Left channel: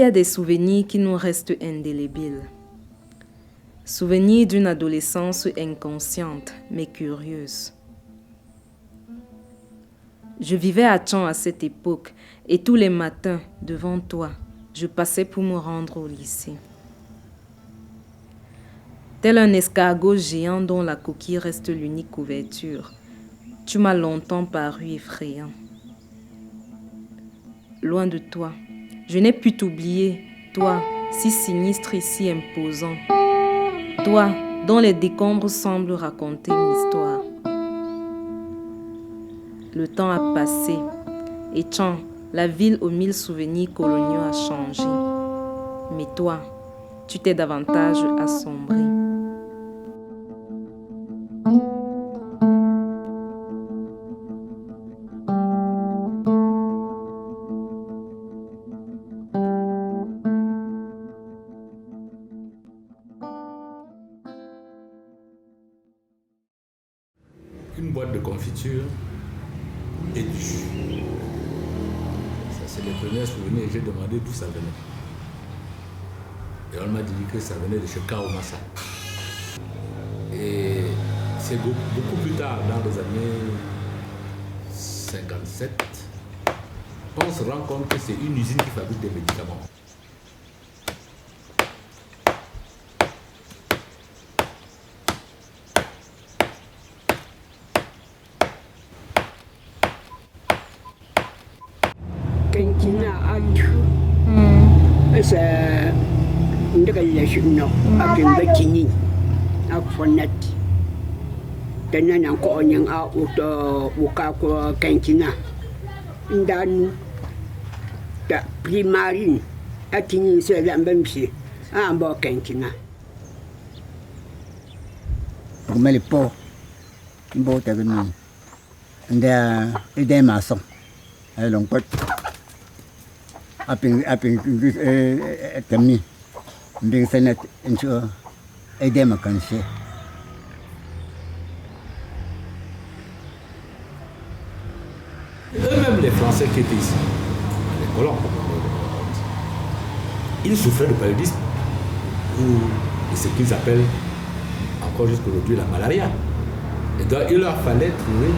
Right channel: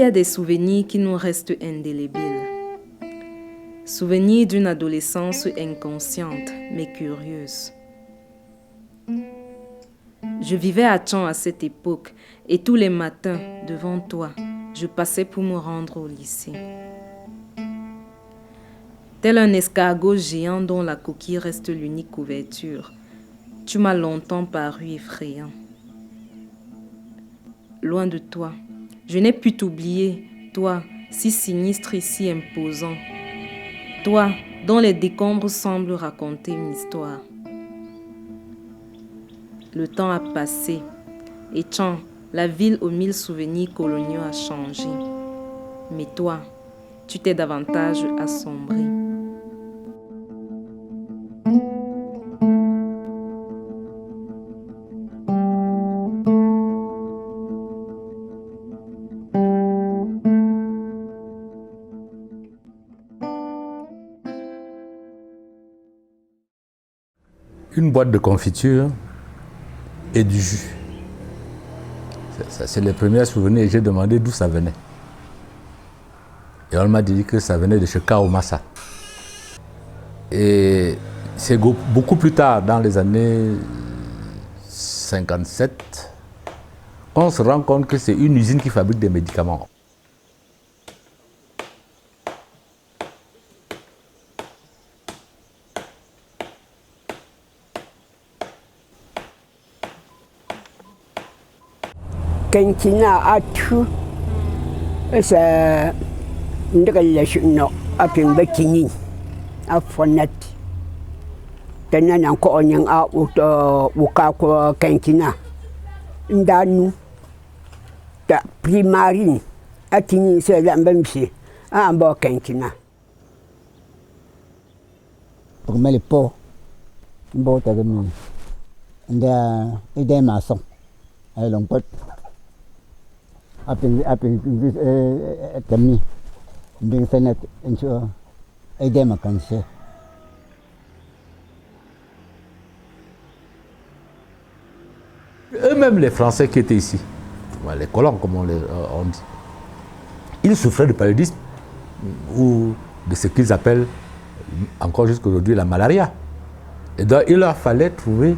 y a des souvenirs qui nous restent indélébiles. Souvenirs d'une adolescence inconsciente mais curieuse. Je vivais à Tchon à cette époque et tous les matins, devant toi, je passais pour me rendre au lycée. Tel un escargot géant dont la coquille reste l'unique couverture, tu m'as longtemps paru effrayant. Loin de toi, je n'ai pu t'oublier, toi, si sinistre et si imposant. Toi, dont les décombres semblent raconter une histoire. Le temps a passé et Tchon, la ville aux 1000 souvenirs coloniaux, a changé. Mais toi, tu t'es davantage assombri. Une boîte de confiture et du jus. C'est les premiers souvenirs et j'ai demandé d'où ça venait. Et on m'a dit que ça venait de chez Kaomasa. Et c'est beaucoup plus tard, dans les années 57, on se rend compte que c'est une usine qui fabrique des médicaments. Kenkina atu, c'est une relation avec le Kini, à Fonet. Tenant encore un auto au cas que Kenkina. Ndanu, ta primarine, à Kini, c'est la même chose, à bord Kenkina. Pour moi, les pauvres, qui vont te venir, et des maçons, et l'on peut. Kami mbing sanat incho aide makanche Eux-mêmes les Français qui étaient ici, les colons comme on dit, ils souffraient de paludisme ou de ce qu'ils appellent encore jusqu'aujourd'hui la malaria. Et donc il leur fallait trouver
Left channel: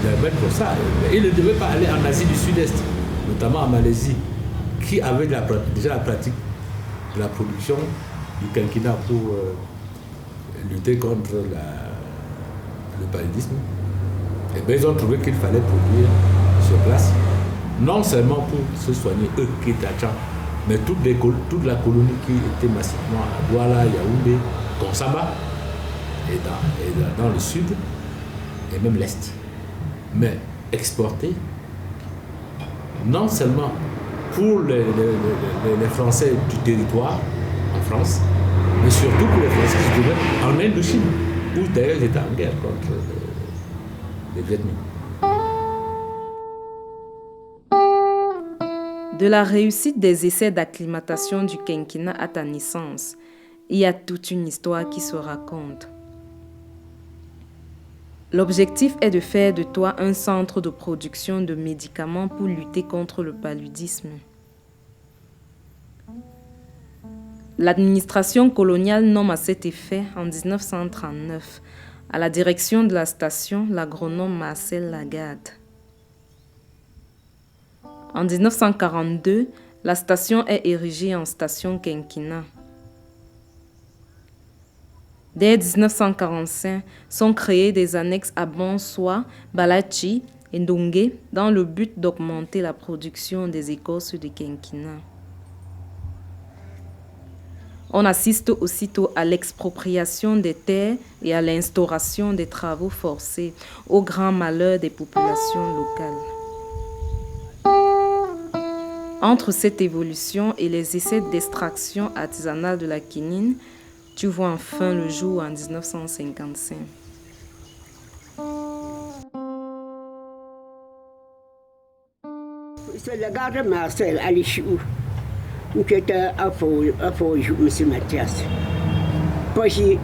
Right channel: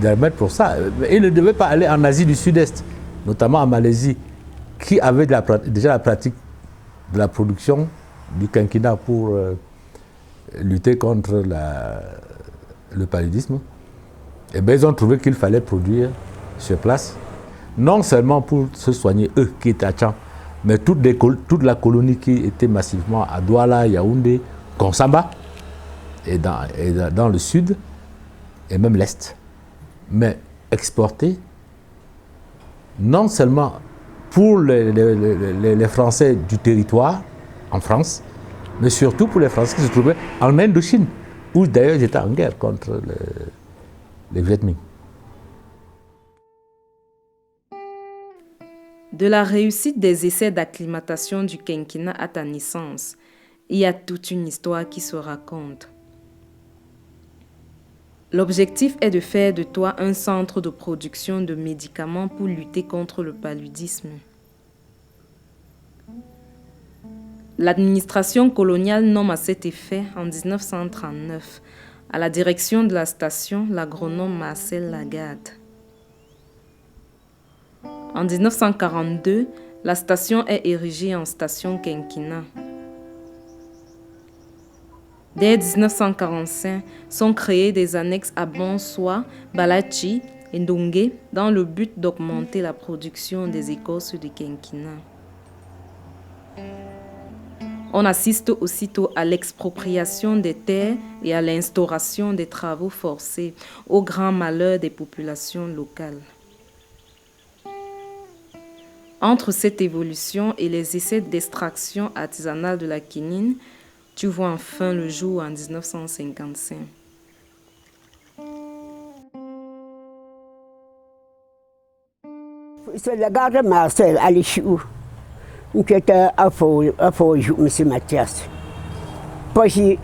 des remèdes pour ça. Mais ils ne devaient pas aller en Asie du Sud-Est, notamment en Malaisie, qui avait déjà la pratique de la production du quinquina pour lutter contre le paludisme. Et bien, ils ont trouvé qu'il fallait produire sur place, non seulement pour se soigner, eux qui étaient à Tchang, mais toute la colonie qui était massivement à Douala, Yaoundé, Konsamba, et dans le sud, et même l'est. Mais exporter, non seulement pour les Français du territoire, en France, mais surtout pour les Français qui se trouvaient en Indochine, où d'ailleurs ils étaient en guerre contre les Viet Minh. De la réussite des essais d'acclimatation du quinquina à ta naissance, il y a toute une histoire qui se raconte. L'objectif est de faire de toi un centre de production de médicaments pour lutter contre le paludisme. L'administration coloniale nomme à cet effet, en 1939, à la direction de la station, l'agronome Marcel Lagarde. En 1942, la station est érigée en station quinquina. Dès 1945, sont créées des annexes à Bonsoir, Balachi et Ndongue dans le but d'augmenter la production des écorces de quinquina. On assiste aussitôt à l'expropriation des terres et à l'instauration des travaux forcés, au grand malheur des populations locales. Entre cette évolution et les essais d'extraction artisanale de la quinine, tu vois enfin le jour en 1955. C'est le gars de Marcel Alichou qui était à faux, M. Mathias. Parce que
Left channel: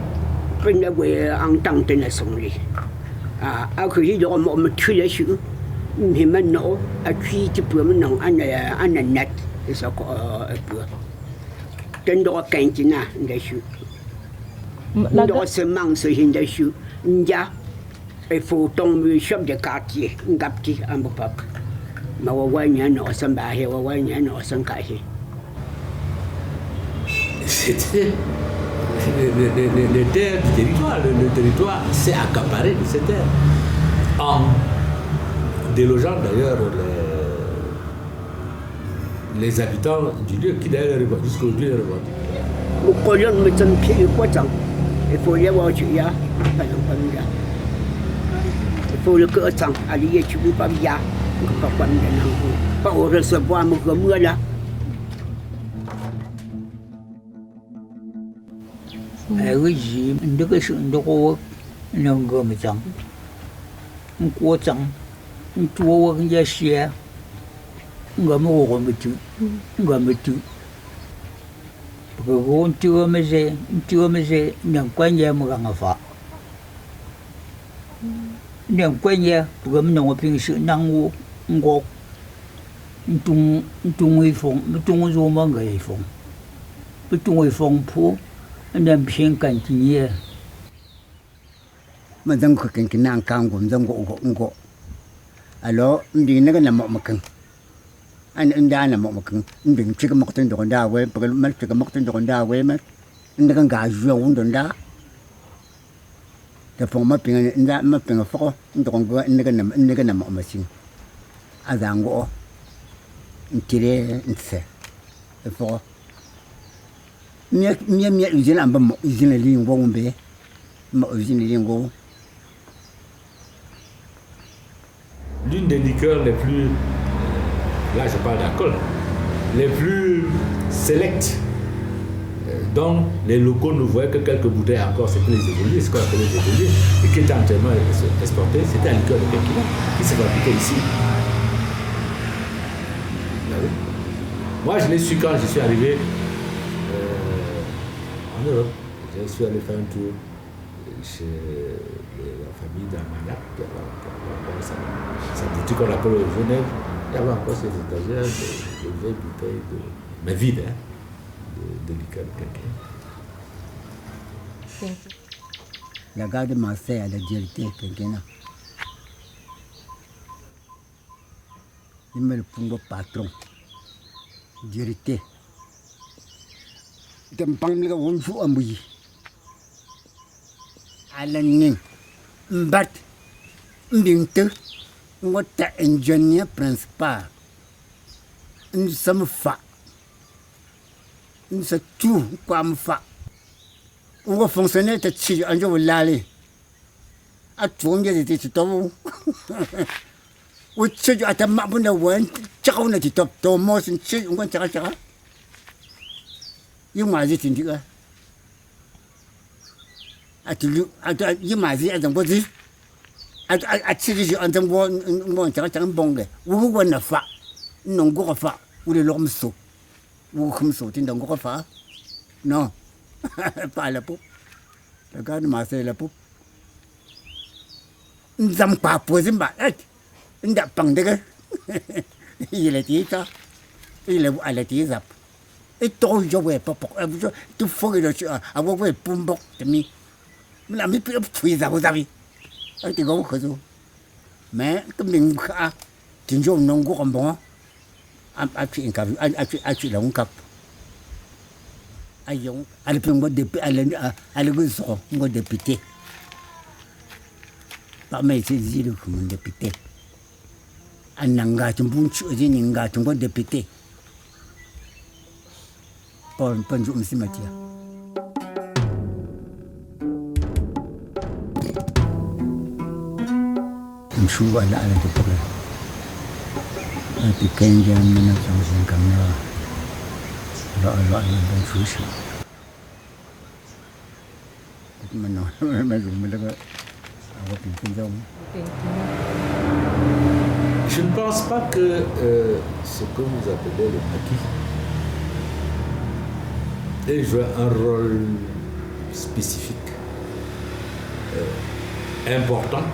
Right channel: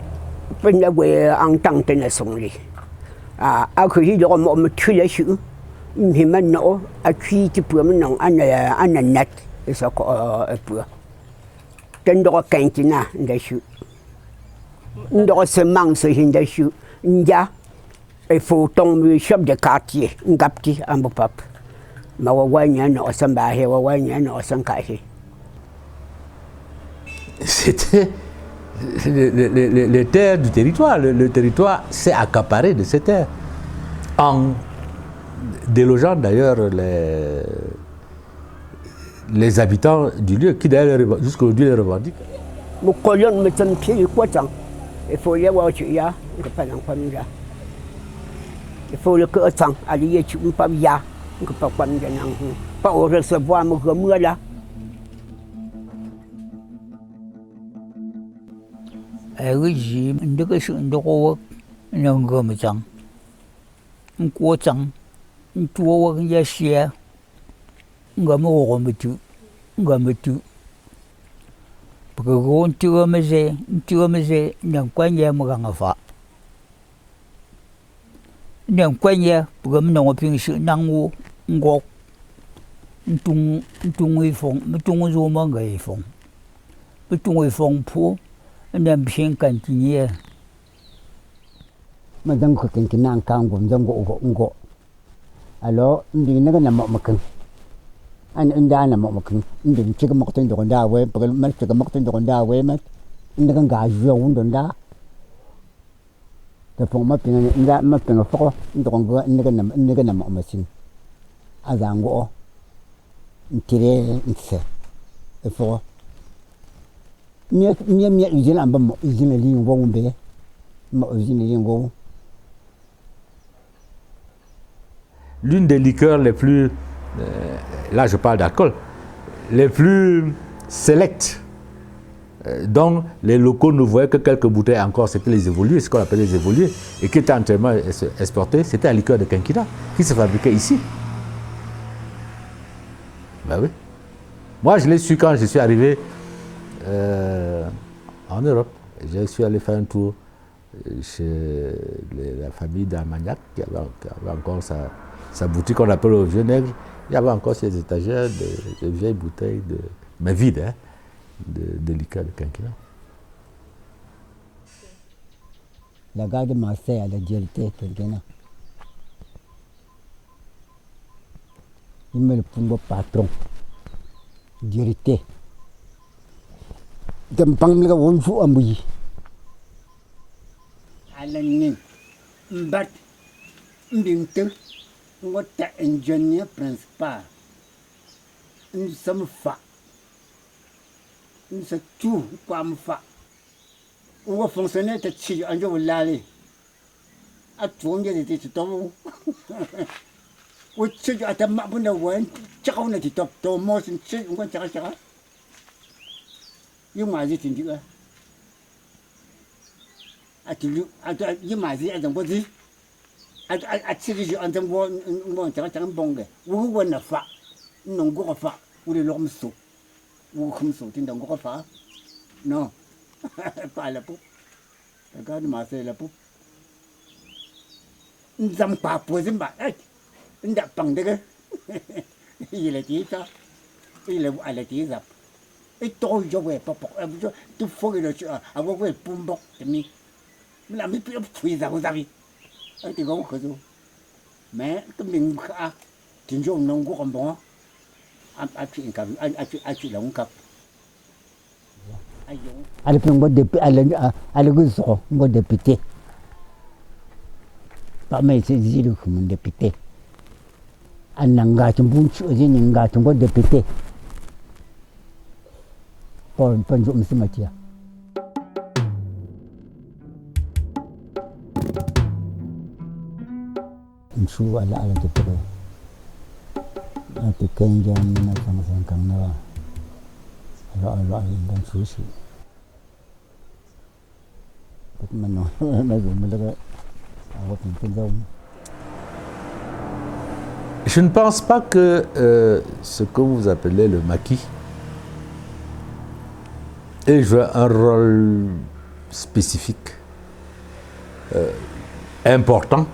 je n'avais pas entendu de son lit. À cause de me tuer les choux, je me suis dit que je suis un net. et ça quoi un peu. Tendo Kentina, dessus. Nous semence dessus. Ndia, il faut tomber chef de quartier, Ngapti, à mon papa. Ma wanya no sambahe, wanya no sankahe. C'était les terres du territoire. Le territoire s'est accaparé de ces terres. En délogeant d'ailleurs les habitants du lieu qui d'ailleurs jusqu'aujourd'hui les revendiquent. Nous collons me sommes pieds quoi tant. Il faut y avoir du ya, il faut le que tant, allié tu pas bien, pas au recevoir mon comme là. Cái gì những cái sự đồ nhưng người mà chẳng quá chẳng chua cái giá xe người mà ổ mà chữ cái gôn chưa mới dễ nhận quen nhà mà càng phá nhận quen nhà bởi mình nói về sự năng ngộ trung người phong trung rồi mà người phong trung người phong phố nên phiền cảnh gì nhỉ? Mà dân có cái năng cao của dân gỗ, alo, đi nó cái nằm một cưng, anh đã nằm một cưng, anh đừng chỉ có một tên đồ đa với, bởi mất chỉ có một tên đồ đa với mất, anh đã gà ruộng đồ đá,แต่ผมมาเป็นฟอตรงว่านี่ก็นำมาสิอาจารย์ก็ทีเดียวเสร็จฟอมีusine amba mo usine lingo ngombe mo usine lingo. L'une des liqueurs les plus là je parle d'alcool les plus sélectes dont les locaux ne voyaient que quelques bouteilles encore, c'était les évolués, ce qu'on appelle les évolués, et qui étaient entièrement exportés, c'était la liqueur de Kenkina, qui se fabriquait ici. Ben oui. Moi, je l'ai su quand je suis arrivé en Europe. Je suis allé faire un tour chez la famille d'Armagnac, qui avait encore sa boutique qu'on appelle au Genève. Il y avait encore ces étagères de vieilles bouteilles, mais vides, hein, de liqueur de Kenkina. La gare de Marseille a la directeur Kenkina. Il me le pongo patron. Directeur. Dempang nga wonfu amuyi. Alanin. Mbat. Mbinte. Ngota engineer principal. Nsam fa. Nsa tu kwam fa. Ngo fonctionnaire te chi anjo lali. Atwonge te to. Wo chi ata mabuna wan chakaw na ti top to mo sin chi ngon chaka. Yung mazi tindiga. Atilu yung mazi adang bozi. At siri adang bon chaka bonge. Wo na fa. Nongo ka fa. Wo le lomso. Wo khumso tindang ko fa. Non. Pas la pou. La garde Marseille la pou. Nzam pa pozimba. Nda pangdega. Il est dit ça. Il est à la tizap. Et toi, je vais pas pour tu faut que tu avoir ouais pumbo de mi. La mi plus puis ça vous avez. Tu go que ça. Mais comme une ka tu jo non go comme bon. A puis a puis la on cap. Ayon. Ale pumbo de ale go so go député. Pas mais c'est dit comme député. Ananga tumbunchu ninga tumbo député. Bonjour, monsieur Mathieu. Je suis à la télé. Je suis à Je ne pense pas que ce que vous appelez le maquis ait joué un rôle spécifique, important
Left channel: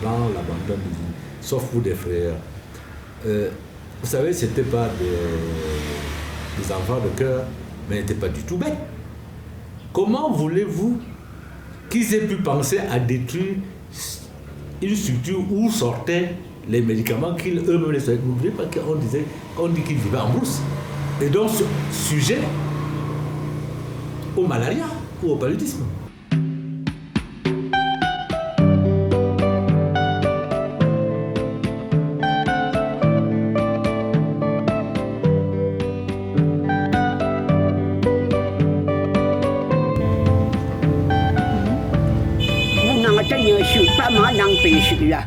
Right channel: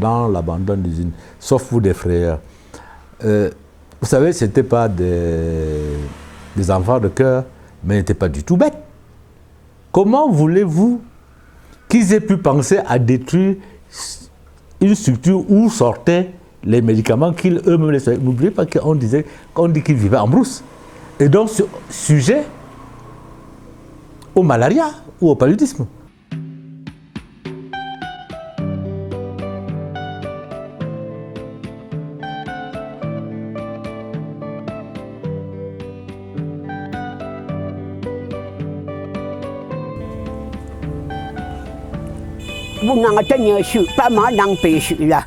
dans l'abandon d'usine, sauf vous des frères. Vous savez, ce n'étaient pas des enfants de cœur, mais ils n'étaient pas du tout bêtes. Comment voulez-vous qu'ils aient pu penser à détruire une structure où sortaient les médicaments qu'ils eux-mêmes les soignaient? N'oubliez pas qu'on dit qu'ils vivaient en brousse. Et donc, sujet au malaria ou au paludisme. Nang tanya shu pa ma nang pe shu la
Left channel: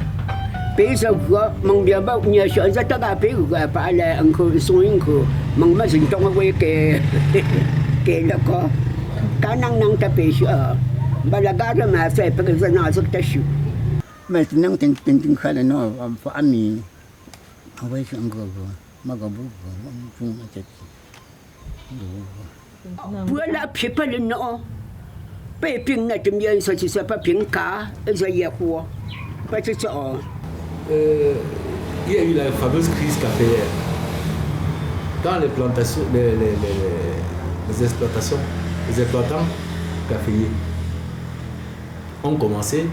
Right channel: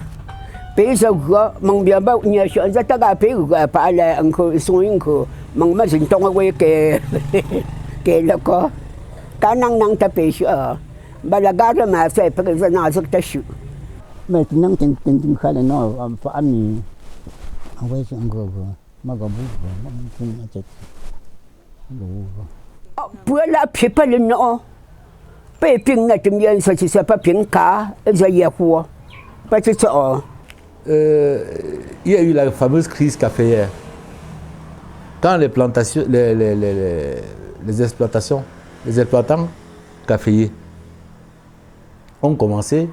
pe sa go mong bia ba nya shu za ta ga pe ga pa la ang ko suing ko mong ma sin tong we ke ke la ko ka nang ta pe shu ba la ga ra ma fe pe ga na sa ta shu mà năng tiền tiền tiền khai là nó phải ăn mì ăn với chuyện gờ mà gà bún mà không mà chết bữa la pe pa le no pe ping na tum yen sa chi sa pa ping ka za ye ko pa chi so il y a eu la fameuse crise caféière. Quand les plantations, les exploitations, les exploitants caféiers ont commencé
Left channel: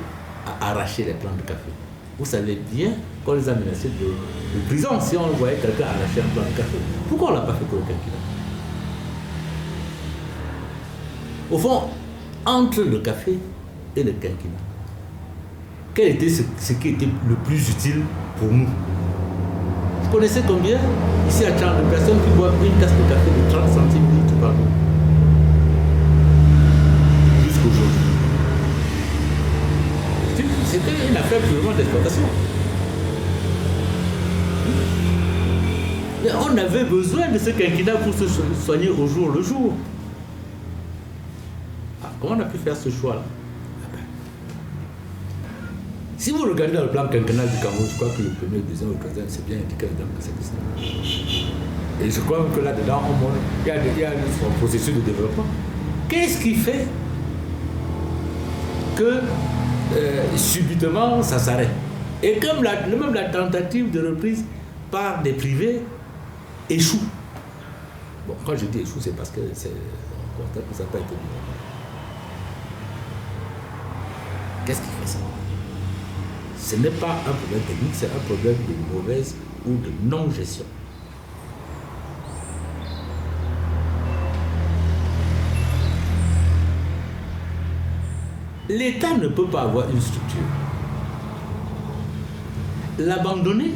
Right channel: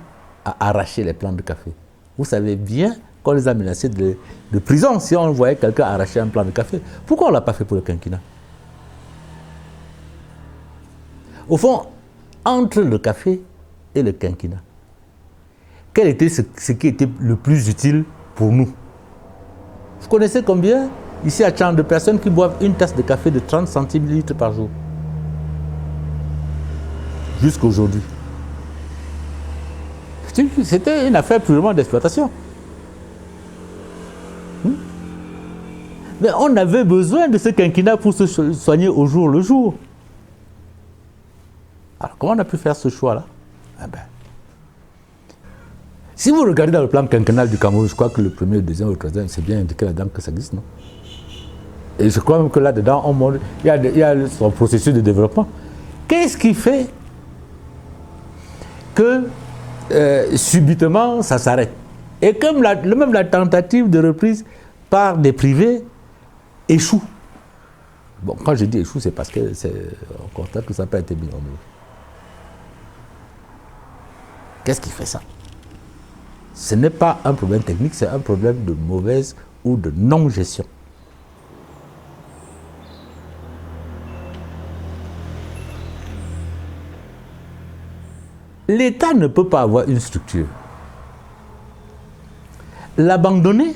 à arracher les plants de café. Vous savez bien qu'on les a menacés de prison si on voyait quelqu'un arracher un plant de café. Pourquoi on ne l'a pas fait pour le quinquennat? Au fond, entre le café et le quinquennat, quel était ce qui était le plus utile pour nous? Vous connaissez combien ici à Tchad de personnes qui boivent une tasse de café de 30 centilitres par jour? Jusqu'aujourd'hui. C'était une affaire purement d'exploitation. Mais on avait besoin de ce quinquennat pour se soigner au jour le jour. Alors, comment on a pu faire ce choix-là? Si vous regardez dans le plan quinquennal du Cameroun, je crois que le premier, le deuxième, le troisième, c'est bien indiqué là-dedans que ça existe. Non? Et je crois même que là-dedans, il y a son processus de développement. Qu'est-ce qui fait que subitement ça s'arrête? Et comme même la tentative de reprise par des privés échoue. Bon, quand je dis échoue, c'est parce que on constate que ça n'a pas été bien. Qu'est-ce qui fait ça? Ce n'est pas un problème technique, c'est un problème de mauvaise ou de non-gestion. L'État ne peut pas avoir une structure, l'abandonner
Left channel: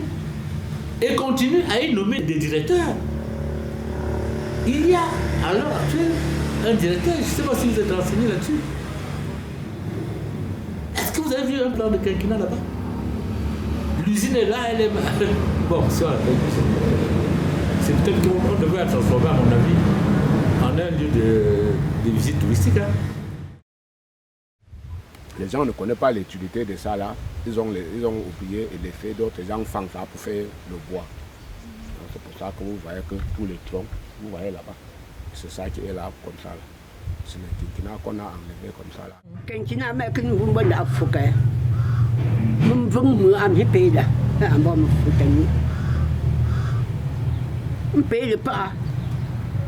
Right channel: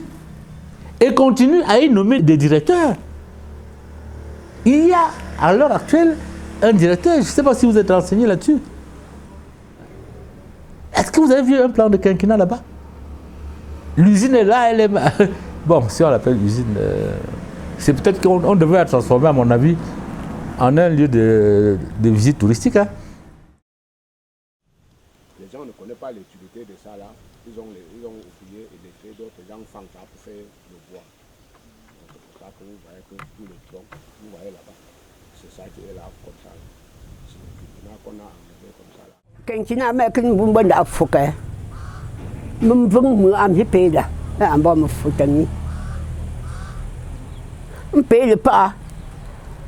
et continuer à y nommer des directeurs. Il y a à l'heure actuelle un directeur, je ne sais pas si vous êtes renseigné là-dessus. Est-ce que vous avez vu un plan de quinquennat là-bas? L'usine est là, elle est... Bon, si on l'appelle l'usine, c'est peut-être qu'on devrait la transformer, à mon avis, en un lieu de visite touristique. Hein? Les gens ne connaissent pas l'utilité de ça là. Ils ont oublié et les faits d'autres gens font ça pour faire le bois. C'est pour ça que vous voyez que tous les troncs, vous voyez là-bas, c'est ça qui est là comme ça. C'est le quinquennat qu'on a enlevé comme ça là. quinquennat mais que nous bon da fuka mum vung mu am hipeda am ba mu futani mpele pa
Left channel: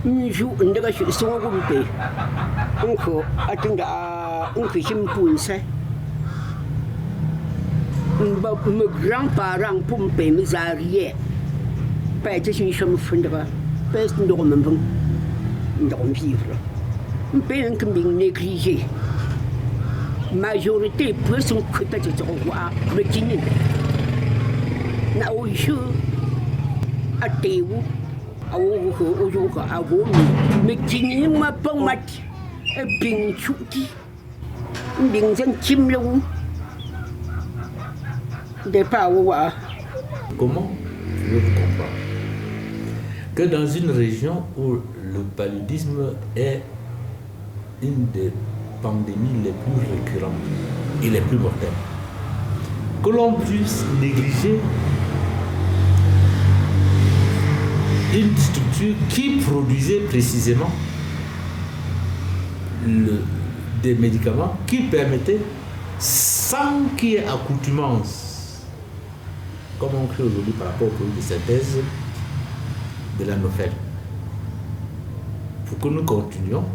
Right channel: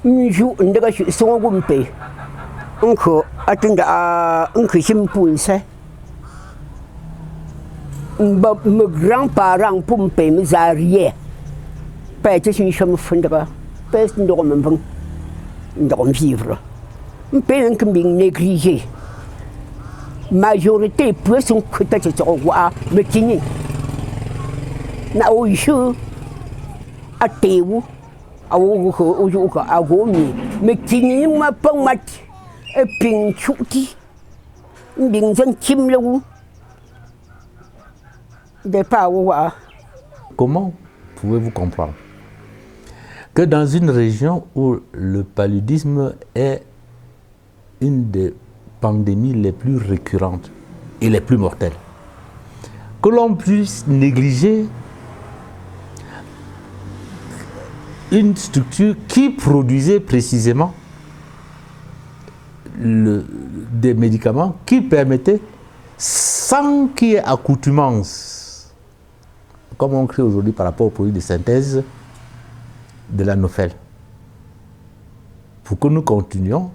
nju ndaga shi so gumpe onko atinda onko simpul se ba me grand-parent pompe me zarie pa te sin chama funda pa ndo me vung ndo vivre mpele que bing négligé majorité plus son côté de roi le kini na o jeu a teu a o jogo a gomi me kini ma pang mat e ping chuti bing zen kim lu de pa wa. Comment pouvez-vous comprendre que dans une région où le paludisme est une des pandémies les plus récurrentes et les plus mortelles, que l'on puisse négliger une structure qui produisait précisément des médicaments qui permettaient, sans qu'il y ait accoutumance, comme on crie aujourd'hui par rapport aux produits de synthèse, de la Nofel pour que nous continuions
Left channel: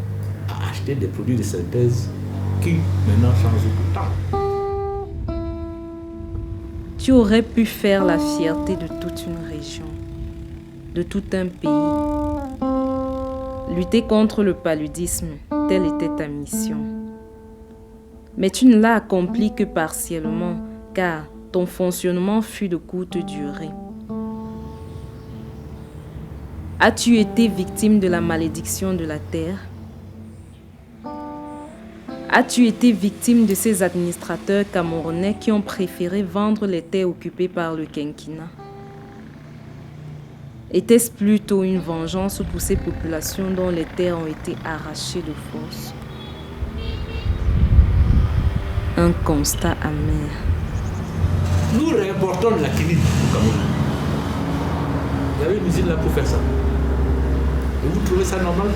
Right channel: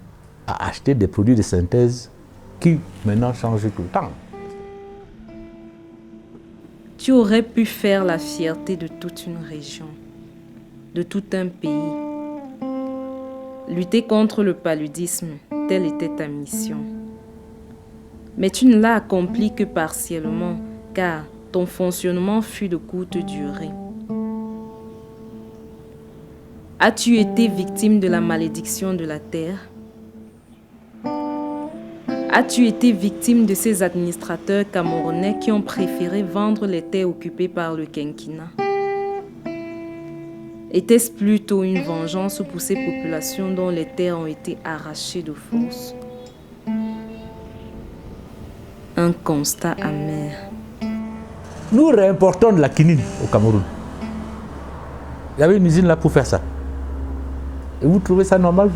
à acheter des produits de synthèse qui maintenant changent tout le temps. Tu aurais pu faire la fierté de toute une région, de tout un pays. Lutter contre le paludisme, telle était ta mission. Mais tu ne l'as accompli que partiellement, car ton fonctionnement fut de courte durée. As-tu été victime de la malédiction de la terre? As-tu été victime de ces administrateurs camerounais qui ont préféré vendre les terres occupées par le quinquennat? Était-ce plutôt une vengeance pour ces populations dont les terres ont été arrachées de force? Un constat amer. Nous réimportons de la quinine au Cameroun. Il y avait une usine là pour faire ça. Et vous trouvez ça normal?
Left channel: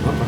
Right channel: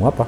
Moi pas.